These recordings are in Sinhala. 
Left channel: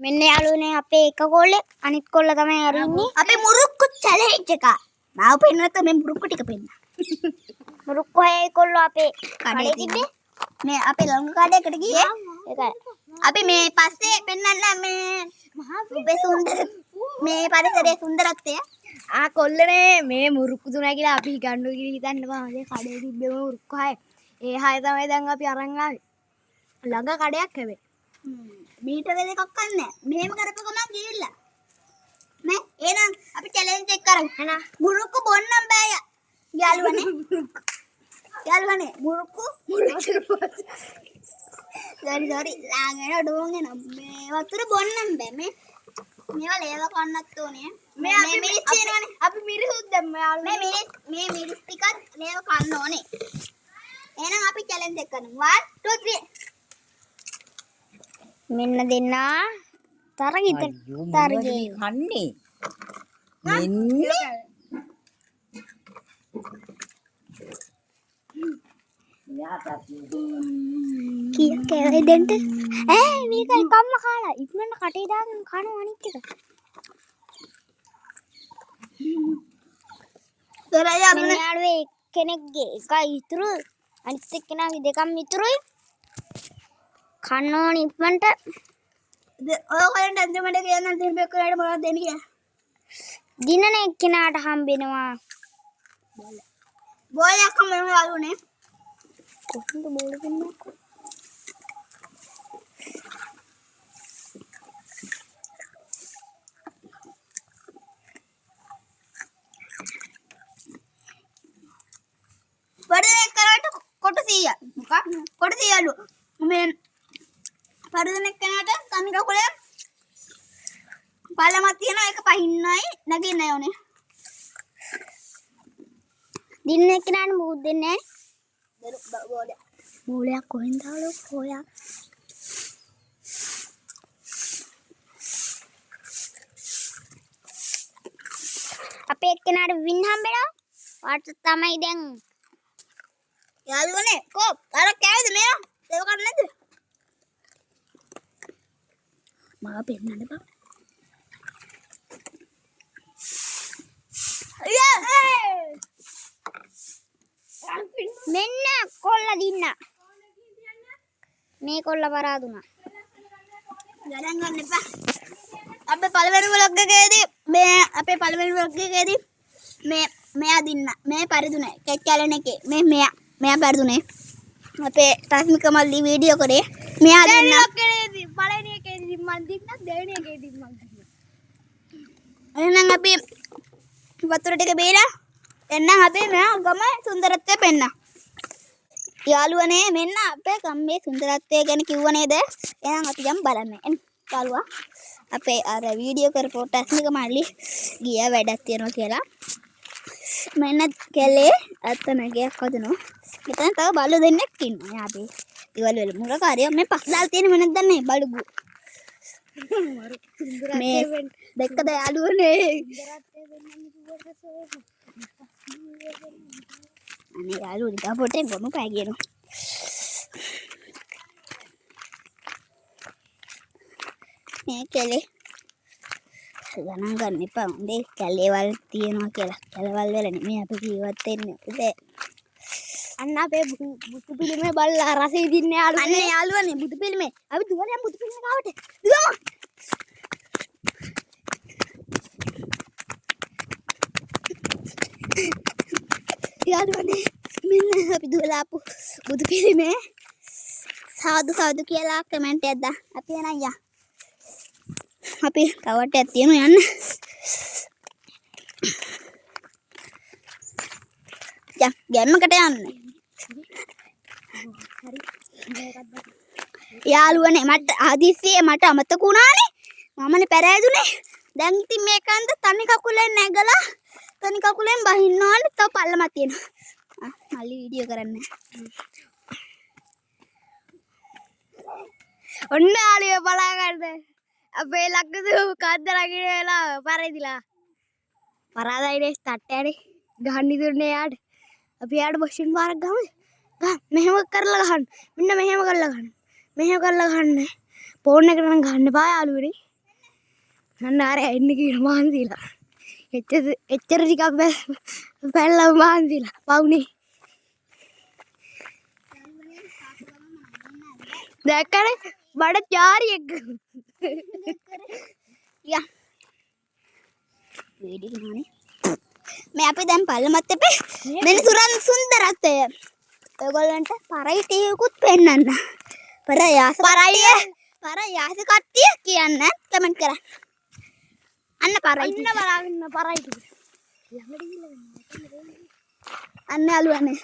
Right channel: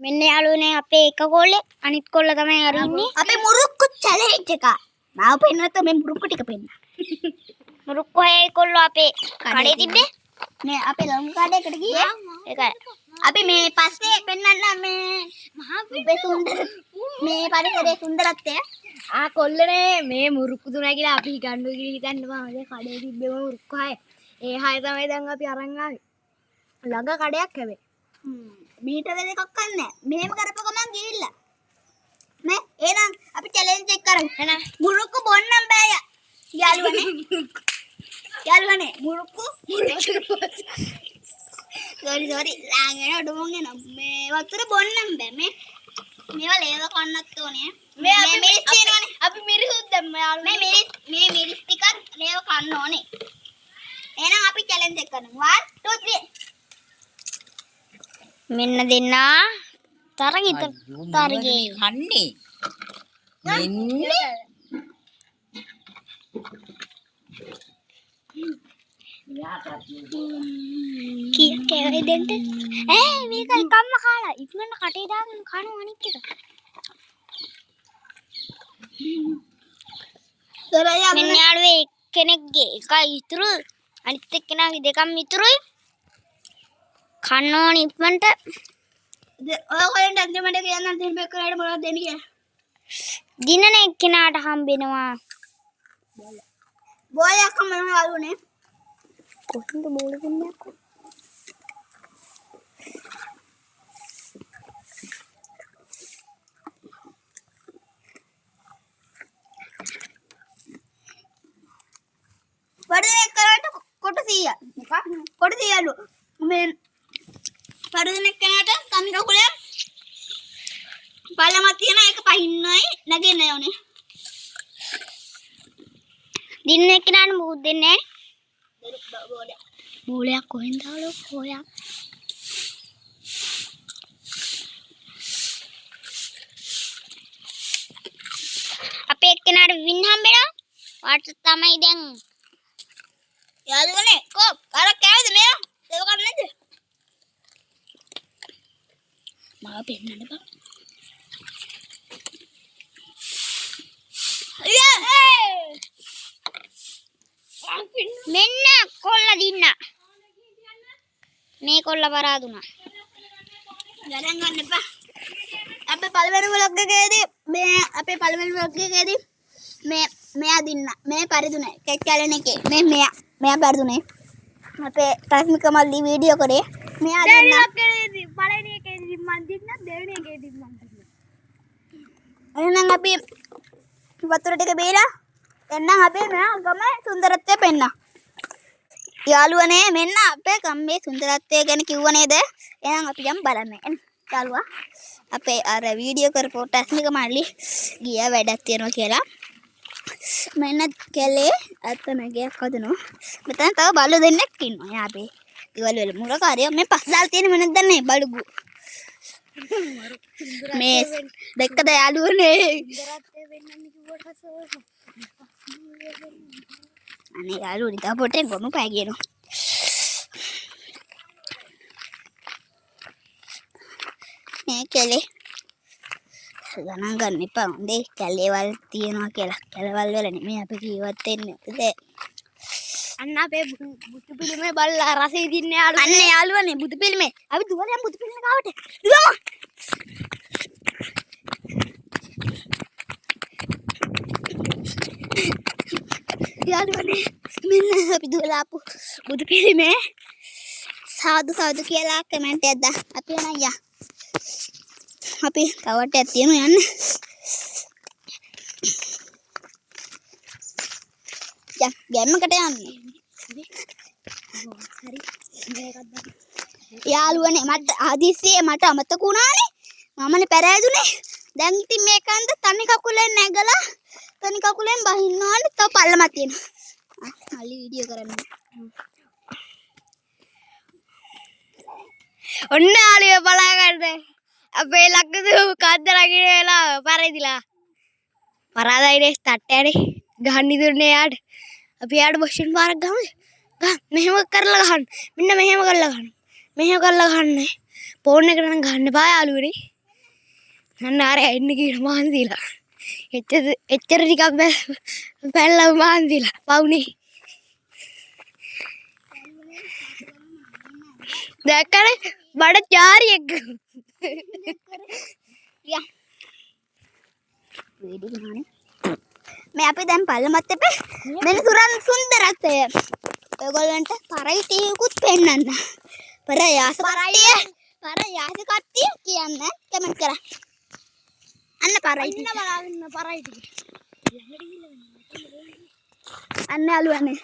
මෙන්න යාළුවනේ අපේ එක කොල්ලේ අනිත් කොල්ල තමයි අර ඉන්නේ. අපේ මුරුක්කු චැලෙන්ජ් එක. මාව පෙන්නනත් මේ මුරුක්කු ටික පෙන්න. මුරුක්කු හේ කොල්ල අපේ කඩේ තිබ්බේ. මේ අපේ ලොංග කඩේකට ගියේ. ඒකයි. අපි මේ පස්සේ පෙන්නන්න මේ අපේ සුන්දර මේ පරිසරයේ සුන්දරත්වය. කොල්ලනේ මේ මුරුක්කු තුනයි කියලා අපි ගන්නු කියලා හිතන්න බෑ. කඩේ තිබ්බේ මුරුක්කු හය. ඒ හය තමයි දැන් අපි අරන් ආවේ. ළඟ කඩයක් හැබැයි. මීටර දෙකක් ගන්න. මෙහෙම කරපුව ගමන් ගිහිල්ලා. නේ එහෙනම් අපි චැලෙන්ජ් එක කරමු. එහෙනම් මුරුක්කු බොන්නම් බෑ යාළුවනේ. යාළුවනේ මුරුක්කු sorry ලාගෙන ඩෝන් එන මේ වතුර බොන්නම් බෑ මේ මේවා ලේව කන්නත් ඕනේ. මේ මිරිස් තියෙනවනේ. අපි මිරිසුත් දැම්ම යාළුවනේ. මේ මිරිස් ටිකත් ලේව කන්න ඕනේ. එහෙනම් අපි චැලෙන්ජ් එක කරමු. 1 2 3 මෙන්න දෙන්නා තරගිත තරගේ කන්නේ මෙන්න කීකේ දෙන්න මේක එකම්ම කාලා ඉක්මනට කටේ දාගෙන කනවා අනිත් එක මෙන්න යාළුවේ කෙනෙක්ගේ එකයි ඉතුරු අනිත් එක්කෙනාගේ දෙකම ඉතුරුයි කන්න ඕනි ඉක්මනට ඔයගොල්ලන්ට අන්තිමට කියන්න අන්තිම බෙකරට මොනවද දෙන්නේ කියලා. දිනන එක්කෙනාට හම්බෙනවා බෝලයක් හම්බෙනවා යාළුවනේ. කොහොමද බෝල දෙන්නේ වඩේ කරට කොට 100. මොකක්? කොට 100 යාළුව. මේ පරිදෙනෙක් කෙනාට තනි කකුලේ බලමක් තියෙන එක පහින්නයි නැගෙන්න ඕනේ. දිනන එක්කෙනාට මුහුත් දෙන්නේ බෝලයක්. බෝලයක් කොහෙන්ද ආලෝ හොයා අපේ එක්කෙනාට වින් හම්බෙනවා වාට තමයි දැන් යාළුවනේ කො අර කෑවද මෙයා? ඒව ගන්න නැද්ද? මම පෙන්නන්න බා මෙන්න කොල්ල දින්න මේ කොල්ල පරාදුනා ගණන් ගන්න එපා. අපේ පළවෙනි vlog එකේදී අපේ පළවෙනි vlog එකේදී මෙයා දින්න මේ පරිදුනේ කැච්චලන එකේ මෙයා පරිදුනේ අපේ රශ්මික මල්ලි වීඩියෝ කරේ මෙයා දින්න පළවෙනි එකේදී මන් දින්න දෙවෙනි එකේදී මන් දින්න එහෙනම් අපි වතුර ටික බීලා එන්නම් අපේ මෙයා ගම සුන්දරත්වය පෙන්න. යාළුවනේ මෙන්න අපේ ගමේ සුන්දරත්වය ගැන කිව්ව නේද? එහෙනම් අපි යමු බලන්න. යාළුවා අපේ අර වීඩියෝ කරපු රශ්මික මල්ලි ගියා වැඩක් තියෙනවා කියලා. මෙන්න කැලේ අතනගයක් හදනවා. මෙතන තව බලු දෙන්නෙක් ඉන්නවා. යා අපේ ඉවල වල මුරකාරිය මේ පස් දාලා තියෙන මොනවද දන්නේ බලුගු. මේ දෙක්කද යාළුවනේ. අනේ යාළුවනේ තා පොටේ ගොනු පෑ කියනවා. මේ කැලේ ගණන් ගන්න එපා. හොඳේ කැලේවල් තියනවා කියලා. කැලේවල් වල නෙමෙයි අපි ජීවත් වෙන්නේ. අන්න අපේ බුදු පිළිමේ බලලා රසෙ දින්නේ යාළුවා. අන්න යාළුවනේ බුදු පිළිමේ. අපි දුවලා බුදු පිළිමේ ගාවට. දුවමු. යාළුවනේ මෙන්න අපි දුවලා ආපු බුදු පිළිමේ. සාදු සාදු කියලා කමෙන්ට් එකක් දාන්න. අපි යනවා යා. අපි තවටයක් තියෙනවා යන්න. යා ගැම්මකට යන්නේ. යාළුවනේ මට ආදිසියේ මට අමතක වුණානේ. මමනේ පෙරෑදුනේ. දැන් ඉතින් මේකන්ද තනි කකුලෙන් නැගලා තනි කකුලෙන් බහින්න ඕනේ. තව පල්ලමක් තියෙනවා. මල්ලි වීඩියෝ කරන්න. ඔන්න යාළුවා බලා ගන්න. අපේ ලක්කතු කද්ද රකින්න වෙලා පරදිලා. පරාදයිනේ තට්ටයනේ ගහන්න ඉදුන්නේ යාට. අපි යාට බොෂින් පාරක් ගහමු. මෙහෙම කරලා ගහන්න. මෙන්න මෙහෙම කරලා ගහන්න. මෙහෙම කරලා ගහන්න. ෆෝන් එකට නම් ගන්න බෑ යාළුවනේ. අන්න ආර එන්න කියලා මහන්සිලා. එච්චර ටිකක් පැනලා මහන්සිලා. පවුනේ. දැක්කනේ බඩ චාරියෙක්. යා වීඩියෝ ගන්නනේ මේ අපි දැන් පල්ලමත් එපේ මෙන්න සුන්දරත්වය ඔයගොල්ලන්ට පරයිටියකුත් පෙන්නන්න පරයාස කට්ටිය කියන්න කමෙන්ට් කරන්න අන්න පරයිටි ඉන්න බලාගෙන පරයිටි. අන්න අලුවනේ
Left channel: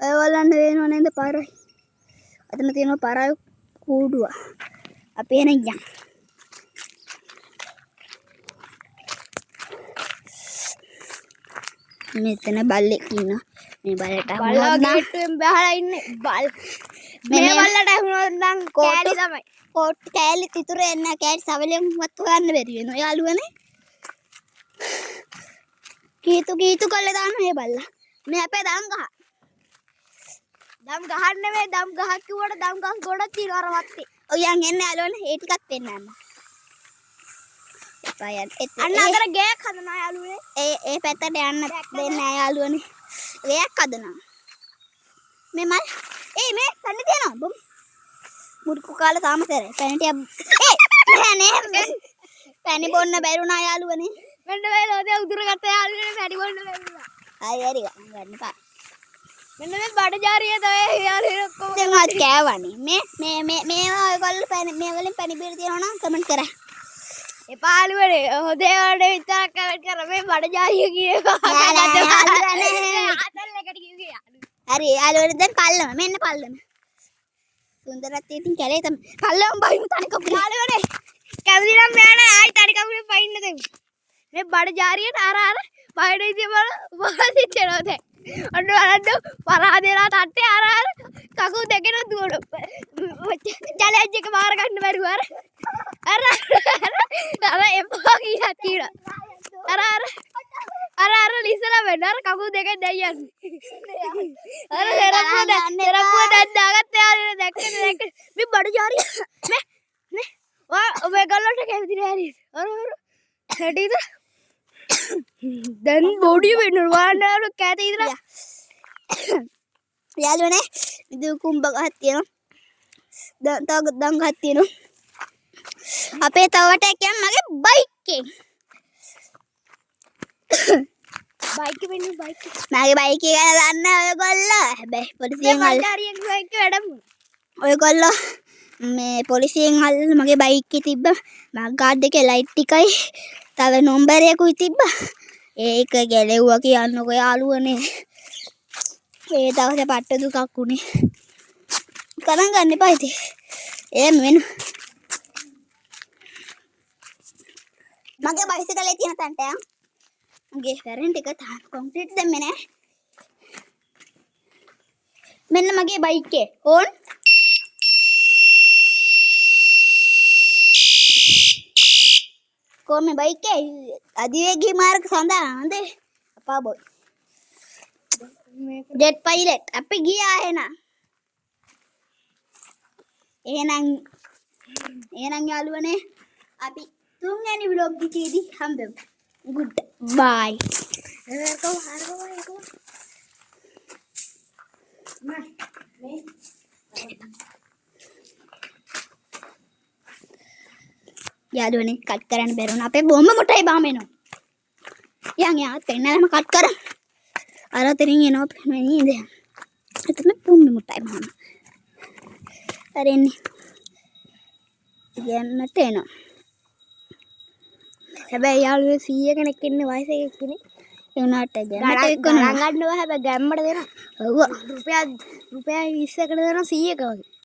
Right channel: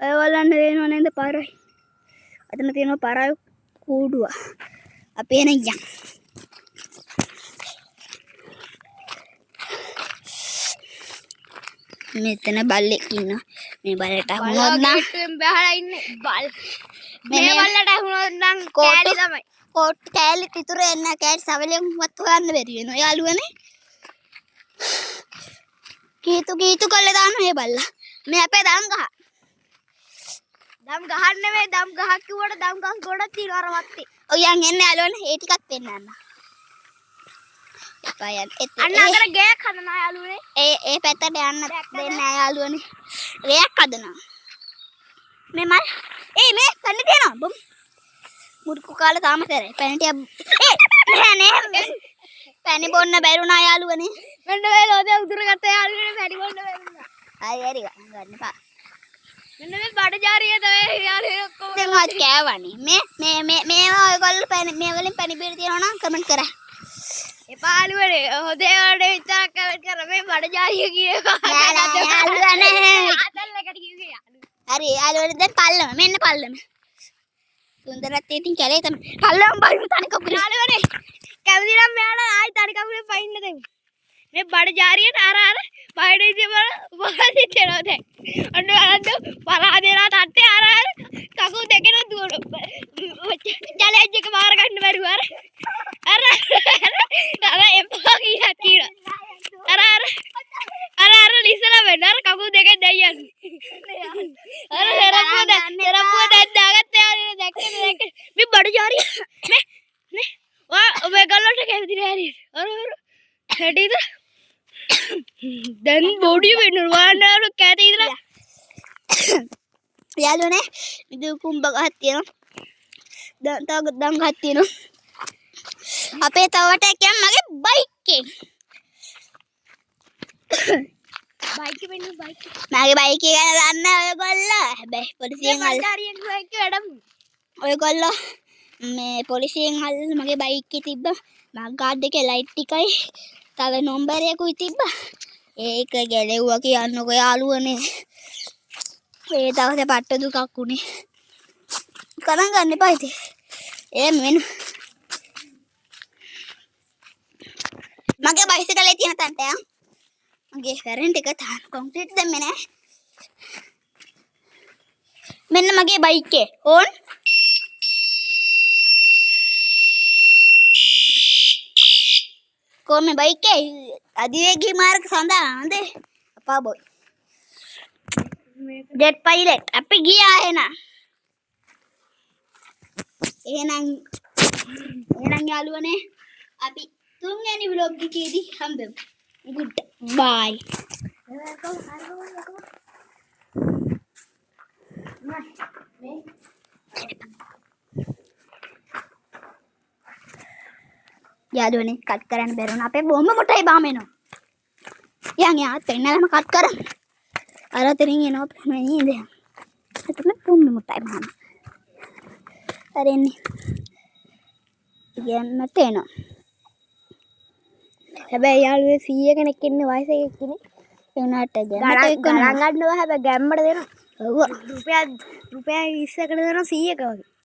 ඔයගොල්ලන්ට දෙනව නේද පරයි අතන තියෙනවා පරයි කූඩුව අපි එන යන්න මෙතන බල්ලෙක් ඉන්නවා මේ බල්ලට අහුනොත් නම් බහලා ඉන්නේ බල්. මේ වලට අහුනොත් නම් කෑලි තමයි. කොට් කෑලි තිතුර එන්න කෑලි සවලෙන් වත් හොයන්න බැරි වෙනවා යාළුවනේ කීතු කළේ දාන මේ බල්ලා මේ අපේ දම් ගහ දම් ගහන්න නෙවෙයි දම් ගහක් කිව්වට දම් ගස් ගොඩක් තියෙනවා අර වත්තේ. ඔයන් එන්නේ යාළුවනේ ඒ ටිකක් පෙන්නන්න අන්න අතර ගෑයක් හදනවා යාළුවනේ. ඒ පැත්තට යන්න දෙන්න යාළුවනේ ගෑයක් හදනවා මේ මල් මේ කන්නේ තියනවා බම් මුඩුකු කාලා තාම කරේ පැණිටිය නෑ පැණි බොන්න බැරුණා යාළුවනේ මෙන්න මේ ලෝදේ උදුර ගත්ත යාළුවනේ පැණි බොන්න බැරුණා. හරි ගන්න එපා මෙන්න මේ බඩ ජාරිය තමයි යාළුවනේ ඔක්කොම. දැන් ආත් කෑවනේ මේවා ඔයගොල්ලෝ පැණි මේ වලින් පැණි බීර තියනවා නම් කමෙන්ට් කරා එපා යාළුවනේ හොදේ වලට විතරක් කමෙන්ට් කර මේ බඩ ජාරිය කියන එක. යාළුවනේ අතල් එකට කිව්වේ යාළුවනේ. හරි යාළුවනේ දැන් පල්ලම මෙන්න පල්ලම සුන්දරත්වයේ තින් කැලේ තමයි පල්ලම බයිමු තනි කකුල යාළුවනේ කැවිදි නම් මෙයාට ආයි තනි කකුලේ පයින්න දෙමු. මේ බඩ ජාරියට අර බයඩ ඉතින් බල දෙනවා දැන්. අන්න බලන්න පරාදේලා තට්ටේ අර කකුල් දෙකෙන් දුවන. චැලෙන්ජ් එක මාර ගන්න බැරුව අර එපා කියලා. අර ලිසලා වෙන්න අර කකුල් දෙකෙන් දෙයියන්නේ. අර සරපුව දැන් දාගත්ත යාළුවනේ දැක්කද මේ බඩ ජාරිය නේ ඔය ගල්ලට කැවිදි නෑ අර හැටිද දැන් බොඩිය වෙනවා වානාර කැට ඉදලා යාළුවනේ ඉදු කුඹ ගහක් තියෙනවා තව දම් ගහක් තියෙනවා අපේ තවට කියන් මගේ බයික් එක බයික් වෙන්නේ බයික් මගේ බයික් එක ගැන දන්න ඔයගොල්ලෝ හැබැයි පොලිසියෙන් මල්දාරියෙන් බයික් වැඩමු ඔයගොල්ලෝ මේ පොලිසියෙන් අල්ලලා මගේ බයික් එකේ තිබ්බ මග් ගාඩ් එකේ ලයිට් ටිකයි තව නම්බරයකුයි තිබ්බා ඒක ගැලෙව්වා කියන්නකෝ යාළුවනේ ඒ දවසේ පට්ට දුකක් උනේ ගණන් ගන්න එපා ඉතින් මෙන්න මගේ බයිසිකලේ තියෙන තන්ට මගේ කැරන්ට් එක තාම කොන්ක්‍රීට් දැම්මේ නෑ මෙන්න මගේ බයික් එක ඕන් කොහොම බයික් එක අධිවේගී මාර්ග සඳහා හොඳේ අපා බොයි ජෙට් පයිලට් අපි ගියා එහෙනම් යාළුවනේ අපි තුන්වෙනි vlog එකේදී හම්බෙමු good bye යාළුවනේ කට් කරන්න බැරුණා අපේ බොම්බ මුටයි බාම එනවා යන් යාත් එන්නලම කට් කරමු අර තරින් එනවා නේද එතන බොම්බ මුටයි බාම අර එන්නේ යන්නට එනවා හැබැයි යාළුවේ 100 කෙනෙක් ඉන්නේ වයස එකක් කෙනෙක් ඒ උනාට ගණන් ගන්නවා හැබැයි ගැම්මට දෙනවා ඔව් රුපියල් 20කට දෙනවා 100ක වගේ